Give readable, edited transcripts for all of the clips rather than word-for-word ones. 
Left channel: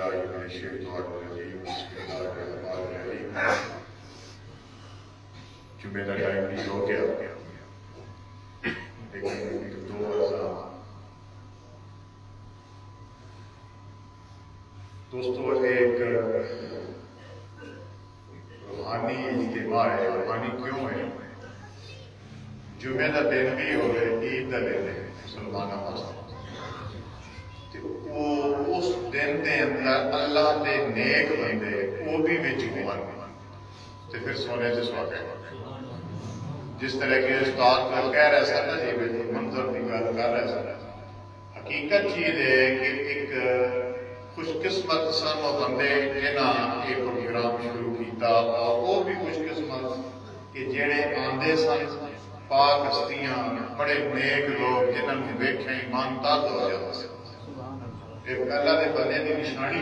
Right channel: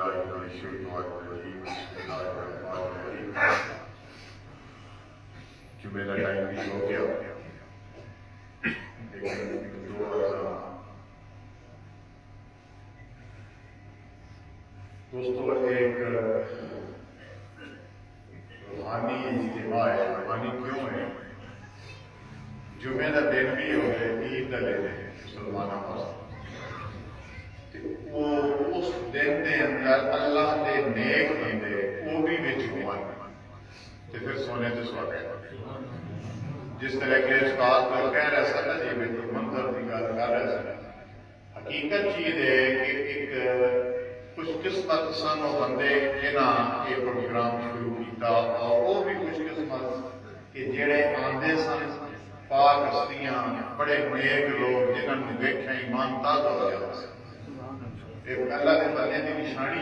باللہ من الشیطان الرجیم بسم اللہ الرحمن الرحیم جمعہ کا ٹائم بھی ہو گیا لیکن دو دوستو ایک روحانی اجتماع ہے. روحانی کیوں ہے؟ جمعہ کا دن بھی ہوگا عید کا دن ہے مسلمانوں واسطے. اس دن کے اندر اللہ کے نیک بندے وہ بھی بچ ہون تو پھر سونے سے سواگت ہے. جس طرح کے استاد کہہ رہے سن جی منظر کی گل کر رہے سن، حقیقت چیز ہے کہ ایک خوش قسمت سن وہ بندے جنہاں یہ پروگرام شروع کیتا، اور وہ بھی خوش قسمت کہ جڑے آندے سن پاک ہستیاں بڑے نیک لوگ جنہوں نے ویکھیا ایمان تازہ ہو جاتا سی. اللہ کے بندے کی نشانی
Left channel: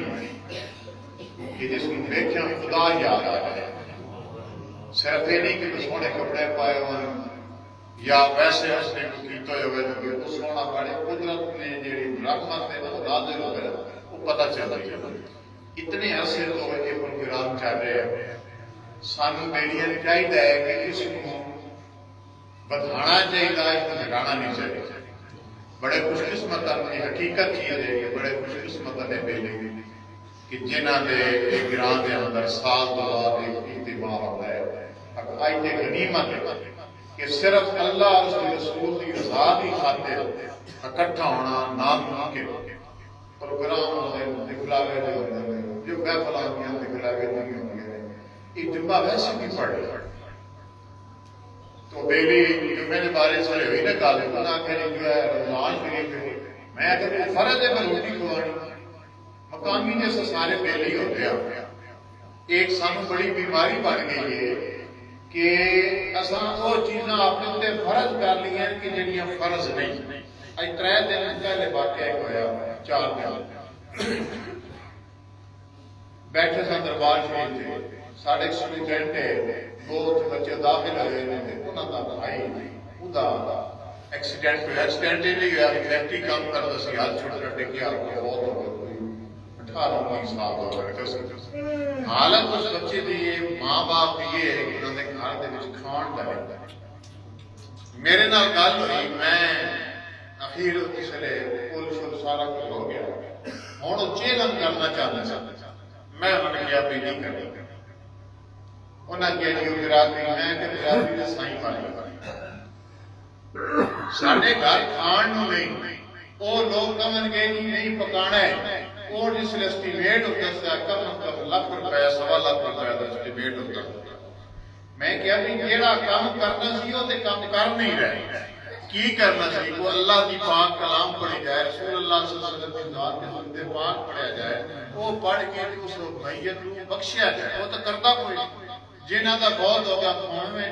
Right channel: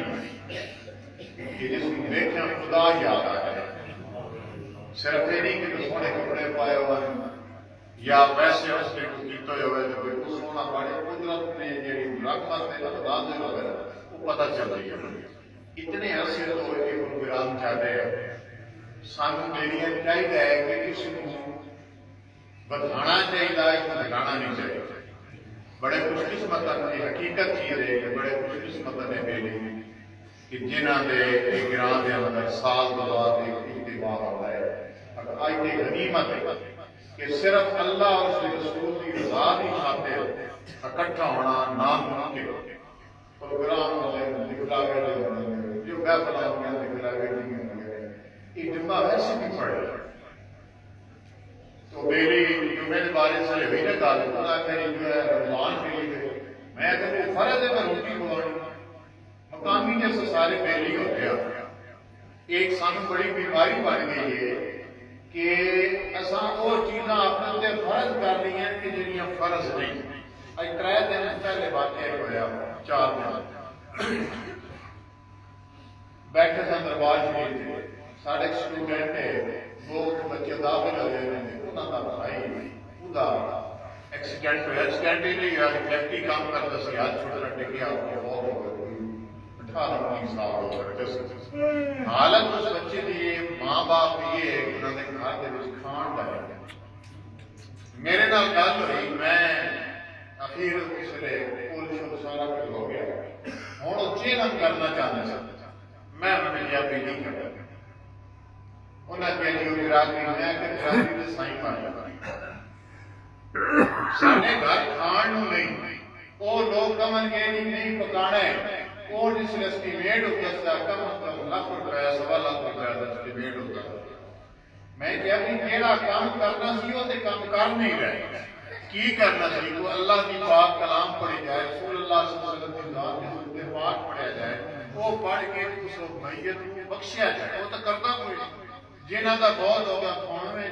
کہ جس کو ویکھیا خدا یاد آ جائے. صرف یہ نہیں کہ سونے کپڑے پائے ہوئے یا ویسے اس نے کیتا ہوئے تو سونا پڑے، قدرت نے جی رحمت نے اندازے ہوئے وہ پتہ چلتی ہے. اتنے عرصے تو یہ پروگرام چل رہے ہیں، سانو میڈیا چاہیے ہے کہ اس کو بدھانا چاہیے، گھٹانا نہیں چاہیے. بڑے خوش قسمت یہ حقیقت چیز ہے کہ بڑے خوش قسمت نے بیلی کہ جنہ دے گراں دے اندر سال دو بعد اجتماع ہوتا ہے. آج تے غنیمت ہے کہ صرف اللہ اور اس کے رسول کی رضا کی خاطر اکٹھا ہونا نام کے پروگرام ہوتے دکھلاوے جو محفلات میں دکھلاوے نہیں ہوتے. یہ جمعہ ویسے بھی پڑھ رہا تو بیلی جمعے کے بارے سے ہوئی نا گل انہیں کہ جو ہے رمضان شریف ہے، میں اگر وہ فرض ہے میں روٹی کھوانی مقامی جیسے سارے بیلی ہوتے ہیں. ایک سانو بڑی بیماری بن گئی ہے کہ اساں وہ چیزاں اپنے فرض کر لی ہیں کہ جنیاں فرض نہیں. اج 3 دن پہلے واقعہ ہوا 4 دن بیٹھے سن دربار شریف سے ساڑھے اسٹوڈنٹ ہے 2 بچے داخل ہوئے ہیں، انہوں کا بھائی ایکسیڈنٹ ہوا. ایکسیڈنٹ ہی نہیں ہوا، فیکٹری کام کرتا سی، ہاتھ چھوٹا ٹکیا بہت ہو گیا 18-19 سال ہو گئے. حالت اس بچے کی ماں باپ یہ ہے کہ انہوں نے گھر کے کھان کا میرے نال گل ہوئی. میں اخیر اس لیے پل شل سارا کچھ ہو گیا، ہوں وہ چیلنج کرنا چاہتے سن. میں انہوں نے کیا بھی نہیں کرنا. انہیں کیا جی وہ برادری میں کہ برادری نے سائی ماری سارے گھر کھان نہیں. وہ لوگ کمن گے جی نہیں پکانا ہے. اور جس لیے اسٹیمیٹ ہوتا ہے کم از کم ₹1 1.25 لکھ کا اسٹیمیٹ ہوتا. میں کیا بھی جیڑا کام کرنا سی وہ کام کر نہیں رہے. کی کرنا سی وہ اللہ کی پاک کلام پڑھی جائے، رسول اللہ صلی اللہ علیہ وسلم کی ذات کے سنتے پاک پڑھیا جائے، وہ پڑھ کے اس میت کو بخشیا جائے. وہ تو کرتا کوئی نہیں. جنہ کا بہت ہوگا کھان میں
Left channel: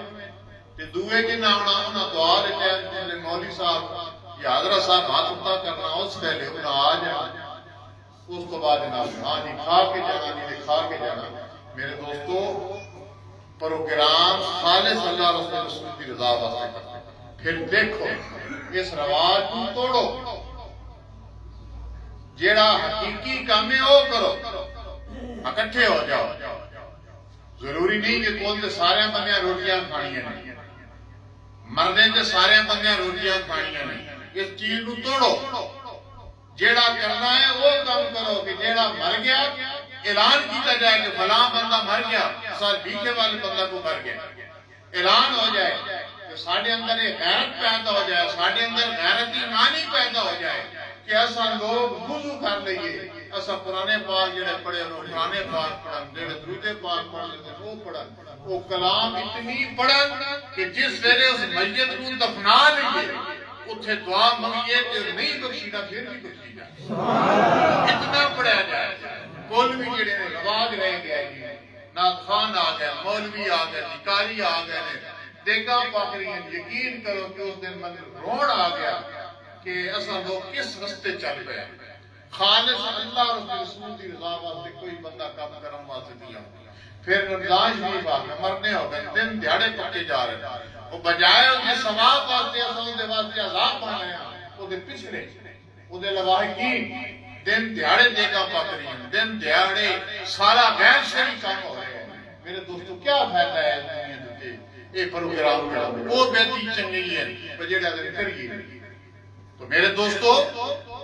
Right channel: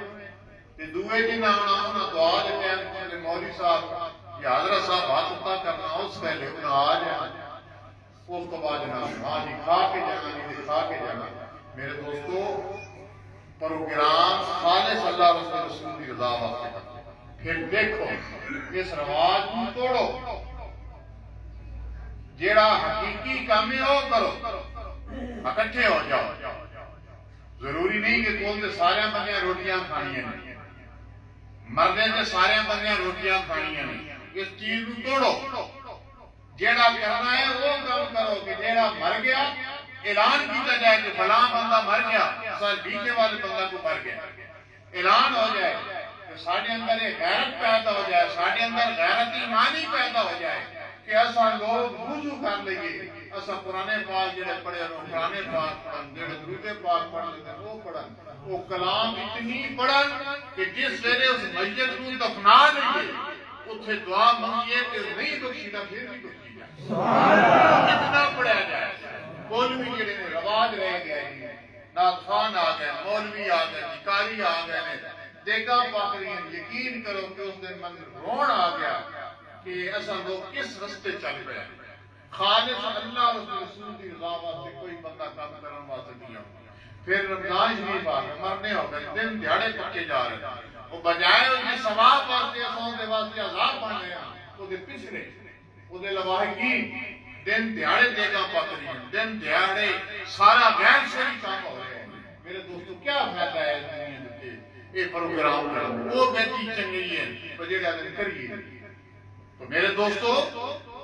دوے جنہ آنا انہیں دعا دے ٹائم مولوی صاحب یا حضرت صاحب ہاتھ اتا کرنا اس پہلے انہیں آ جانا. اس کو بعد جناب ہاں جی کھا کے جانا نہیں کھا کے جانا. میرے دوستو پروگرام خالص اللہ رسول کی رضا واسطے کرتے. پھر دیکھو اس رواج کو توڑو، جیڑا حقیقی کام ہے وہ کرو، اکٹھے ہو جاؤ. ضروری نہیں کہ کول تے سارے بندیاں روٹیاں کھانیاں نہیں، مردے تے سارے بندیاں روٹیاں کھانیاں نہیں. اس چیز کو توڑو. جیڑا کرنا ہے وہ کام کرو کہ جیڑا مر گیا اعلان کیتا جائے کہ فلاں بندہ مر گیا، سال بھیکھے والے بندہ کو مر گیا، اعلان ہو جائے کہ ساڑھے اندر ایک غیرت پیدا ہو جائے، ساڑھے اندر غیرت ایمانی پیدا ہو جائے کہ ایسا لوگ وضو کر لئیے، ایسا قرآن پاک جڑے پڑھے انہوں قرآن پاک پڑھن، جڑے درود پاک پڑھ لیتے وہ پڑھن، وہ کلام اتنی پڑھن کہ جس ویلے اس میت کو دفنا لئیے اتھے دعا منگیے تو نہیں بخشیدہ پھر بھی بخشی جائے. اتنا پڑھا جائے. مولوی جڑے نے رواج رہ گیا ہے، نعت خوان آ گئے، مولوی آ گئے، نکاری آ گئے، دیگاں پاک رہی ہیں. یقین کرو کہ اس دن من روڑ آ گیا کہ ایسا لوگ کس رستے چل پئے. خالص اللہ اور رسول کی رضا واسطے کوئی بندہ کام کرن واسطے دیا. پھر رمضان شریف آ گیا، مرنے ہو گئے، دن دیہڑے پکے جا رہے ہیں. وہ بجائے اس کے ثواب واسطے اساں دے واسطے عذاب بن رہے ہیں. وہ دے پچھلے وہ دے لواحقین دن دیہڑے دیگاں پک رہی ہیں، دن دیہڑے سارا غیر شرعی کام ہو رہے ہیں. میرے دوستو کیا فائدہ ہے دنیا دے یہ پروگرام کرا وہ بیٹی چنگی ہے جڑا دن کریے. تو میرے دوستو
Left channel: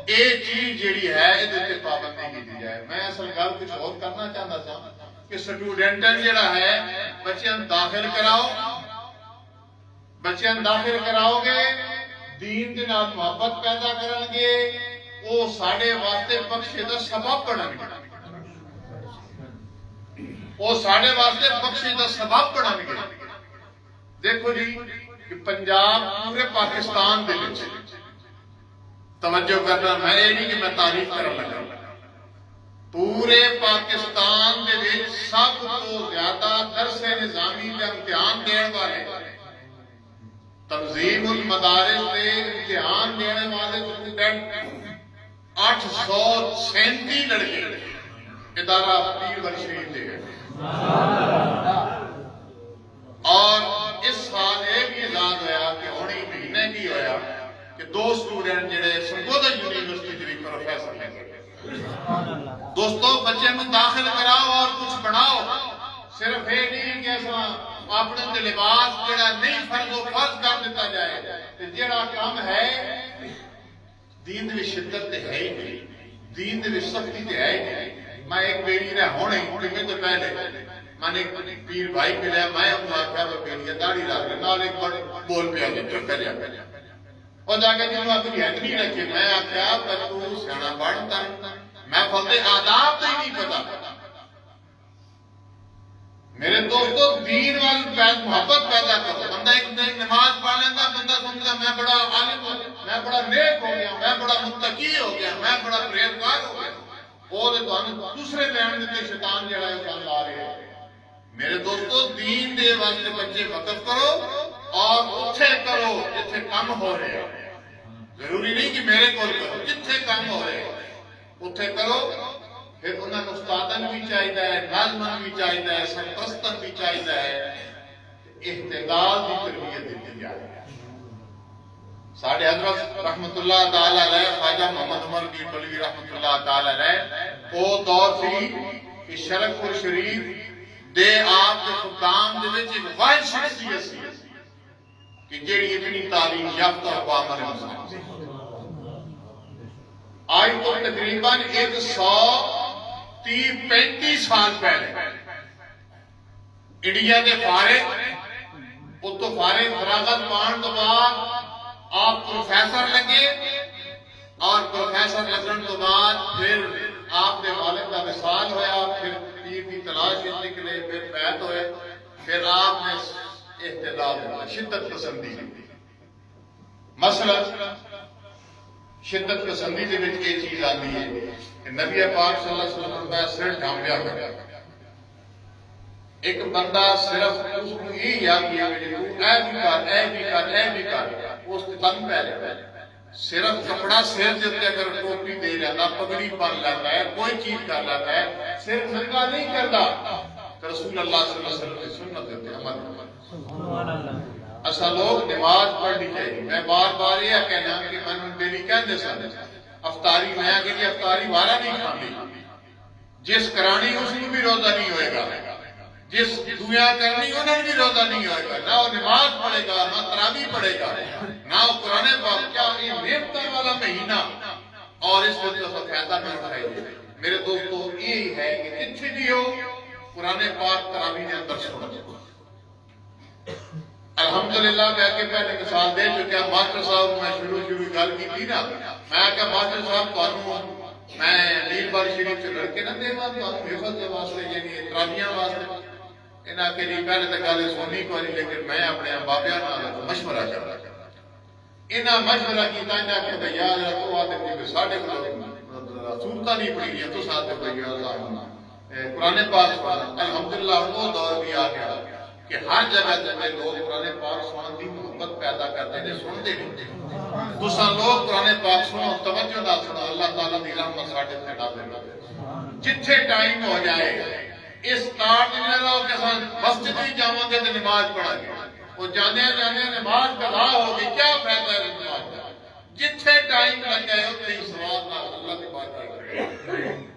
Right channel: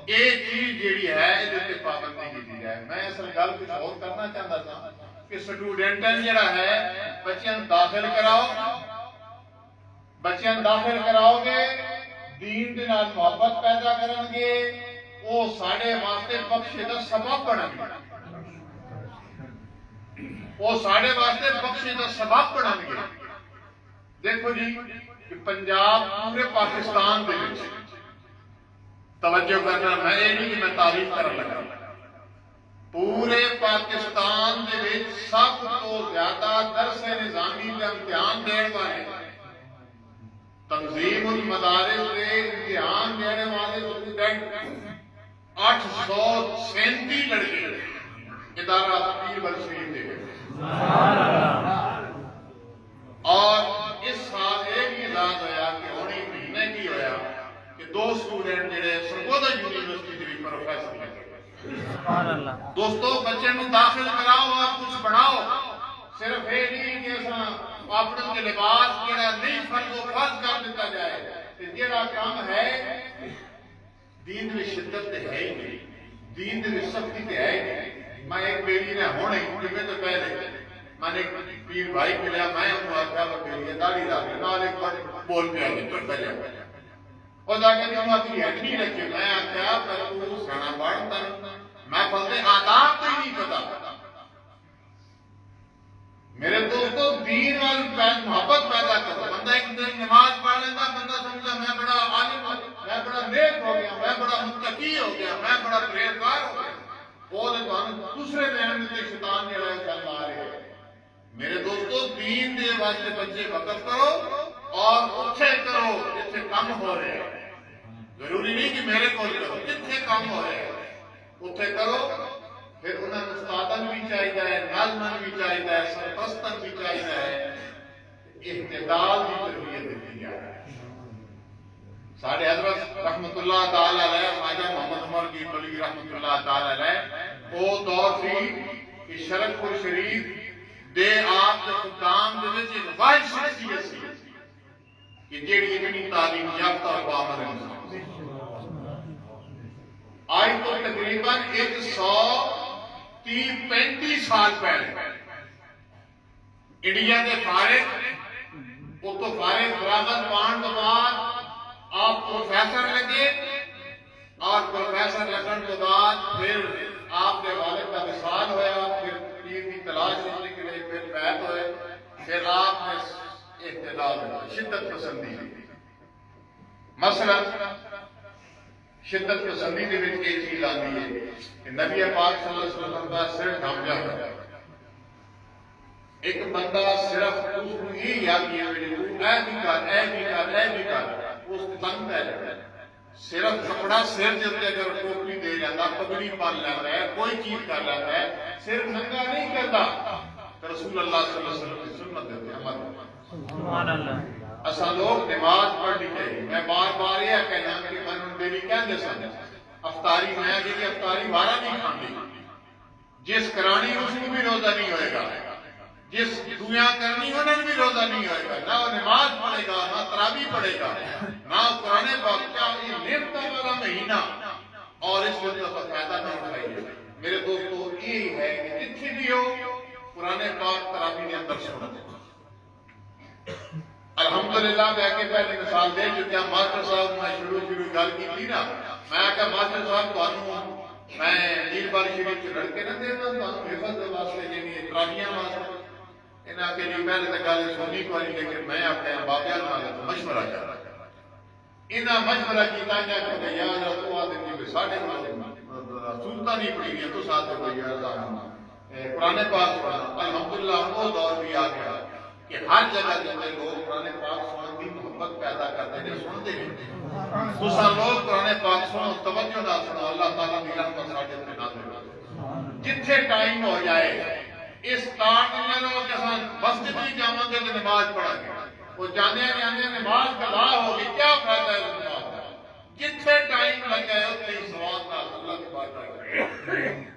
یہ چیز جیڑی ہے یہ پابندی کی دی جائے. میں اصل گل کچھ اور کرنا چاہتا تھا کہ سٹوڈنٹن جڑا ہے بچیاں داخل کراؤ، بچیاں داخل کراؤ گے دین دے نال محبت پیدا کرن گے، وہ ساڈے واسطے بخشے دا سبب بنن گے، وہ ساڈے واسطے بخشے دا سبب بنن گے. دیکھو جی کہ پنجاب پورے پاکستان دے وچ توجہ کرنا، میں یہ نہیں کہ میں تعریف کرن لگا، پورے پاکستان دے وچ سب تو زیادہ درس نظامی دے امتحان دین والے، تنظیم المدارس دے امتحان دینے والے اسٹوڈنٹ 837 لڑکے ادارہ بیربل شریف دے گئے. اور اس سال یہ بھی اعلان ہوا کہ ہونی مہینے کی ہویا کہ 2 اسٹوڈنٹ جڑے سرپرست یونیورسٹی دے پروفیسر ہیں. دوستو بچے نو داخل کراؤ اور کچھ بناؤ. صرف یہ نہیں کہ ایسا اپنے لباس جڑا نہیں فرض و فرض کر دیتا جائے، جڑا کام ہے دین میں شدت تے ہے ہی نہیں، دین میں سختی تے ہے ہی نہیں. میں ایک بیری نے ہونے جمعے تو پہلے میں نے ایک پیر بھائی ملیا، میں انہوں آخیا وہ بیری داڑھی رکھ لے نال ایک بڑے بول پہ آگے چپ پہ جا اور جا کے جنہوں اپنی ہیڈ نہیں رکھے. میں آخیا پر تو سیانا بڑھتا میں پھلتے آداب تو ہی نہیں پتا. میرے دوستو دین وال محبت پیدا کرو. بندہ ایک دن نماز پڑھ لینا، بندہ سمجھتا میں بڑا عالم ہو گیا، میں بڑا نیک ہو گیا، میں بڑا متقی ہو گیا، میں بڑا پرہیزگار ہو گیا. وہ دوسرے بیان دیتے شیطان جڑا ہے چل آ رہے ہیں. میرے دوستو دین دے واسطے بچے وقف کرو اور اتھے کرو جتھے کم ہو رہے ہیں. ضروری نہیں کہ میرے کول کرو، جتھے کم ہو رہے ہیں اتھے کرو. پھر انہوں نے استادن بھی چاہیے، نظمن بھی چاہیے، سرپرستن بھی چاہیے، احتدال کی تربیت دیتی جائے. ساڈے حضرت رحمت اللہ تعالی علیہ خواجہ محمد بیربلوی رحمت اللہ تعالی علیہ وہ دور سی کہ شرک پور شریف دے آپ کے خدام دے وچ ایک واحد شخصیت سی کہ جیڑی اتنی تعلیم یافتہ اور باعمل انسان سی. آج تو تقریباً 130-35 سال پہلے انڈیا کے فارغ اتو فارغ فراغت پان تو بعد آپ پروفیسر لگے اور پروفیسر لگن تو بعد پھر آپ کے والد کا وصال ہویا، پھر پیر کی تلاش نکلے، پھر بیعت ہوئے، پھر آپ نے احتدال ہوا، شدت پسندی لگی. مثلا شدت پسندی دے وچ یہ چیز آتی ہے کہ نبی پاک صلی اللہ علیہ وسلم کا سر ڈھانپیا کر ایک بندہ صرف اس کو یہ یاد کیا کہ تو اے بھی کر، اے بھی کر، اے بھی کر، اس تن پہ جائے. صرف کپڑا سر دے تے اگر ٹوپی دے لینا، پگڑی پہن لیتا ہے، کوئی چیز کر لیتا ہے، صرف ننگا نہیں کرتا. رسول اللہ صلی اللہ علیہ وسلم کی سنت دیتے عمل. سبحان اللہ. اسا لوگ نماز پڑھنی چاہیے. میں بار بار یہ کہنا کہ میں نے میری کہندے سن افطاری میں کہ جی افطاری والا نہیں کھاندی، جس کرانی اس کو بھی روزہ نہیں ہوئے گا، جس دنیا کرنی انہوں نے بھی روزہ نہیں ہوئے گا. نہ وہ نماز پڑھے گا، نہ تراویح پڑھے گا، نہ وہ قرآن پاک. کیا یہ نعمتوں والا مہینہ اور اس وجہ سے فائدہ نہ اٹھائیے. میرے دوستو یہ ہے کہ جتھے بھی ہو قرآن پاک تراویح کے اندر سنو. الحمدللہ میں کہ پہلے مثال دے چکیا. ماسٹر صاحب میں شروع گل کی تھی نا، میں کہ ماسٹر صاحب تانوں میں بیربل شریف سے لڑکے نہ دے تانوں حفظ کے واسطے یعنی تراویحاں واسطے. انہاں کہ جی پہلے تو گل سونی کو نہیں، لیکن میں اپنے بابیاں نال مشورہ کرنا. انہاں مشورہ کیتا جا کہ بھئی یار تو آتے کہ ساڈے کول صورتاں نہیں پڑھی گیا تو ساتھ بھئی قرآن پاک پڑھنا. الحمدللہ وہ دور بھی آ گیا کہ ہر جگہ جتنے لوگ قرآن پاک سنن دی محبت پیدا کرتے ہیں، سنتے نہیں. دوسرا لوگ قرآن پاک سنو، توجہ نہ سنو، اللہ تعالیٰ دی رحمت ساڈے تے نازل ہو. جتھے ٹائم ہو جائے اس تار دے رہو کہ ہم مسجد بھی جاواں گے تو نماز پڑھا گے، وہ جانے نماز قضا ہوگی، کیا فائدہ ہے نماز کا؟ جتھے ٹائم لگ گئے اتنے ہی ثواب نال اللہ کی بارگاہ ہے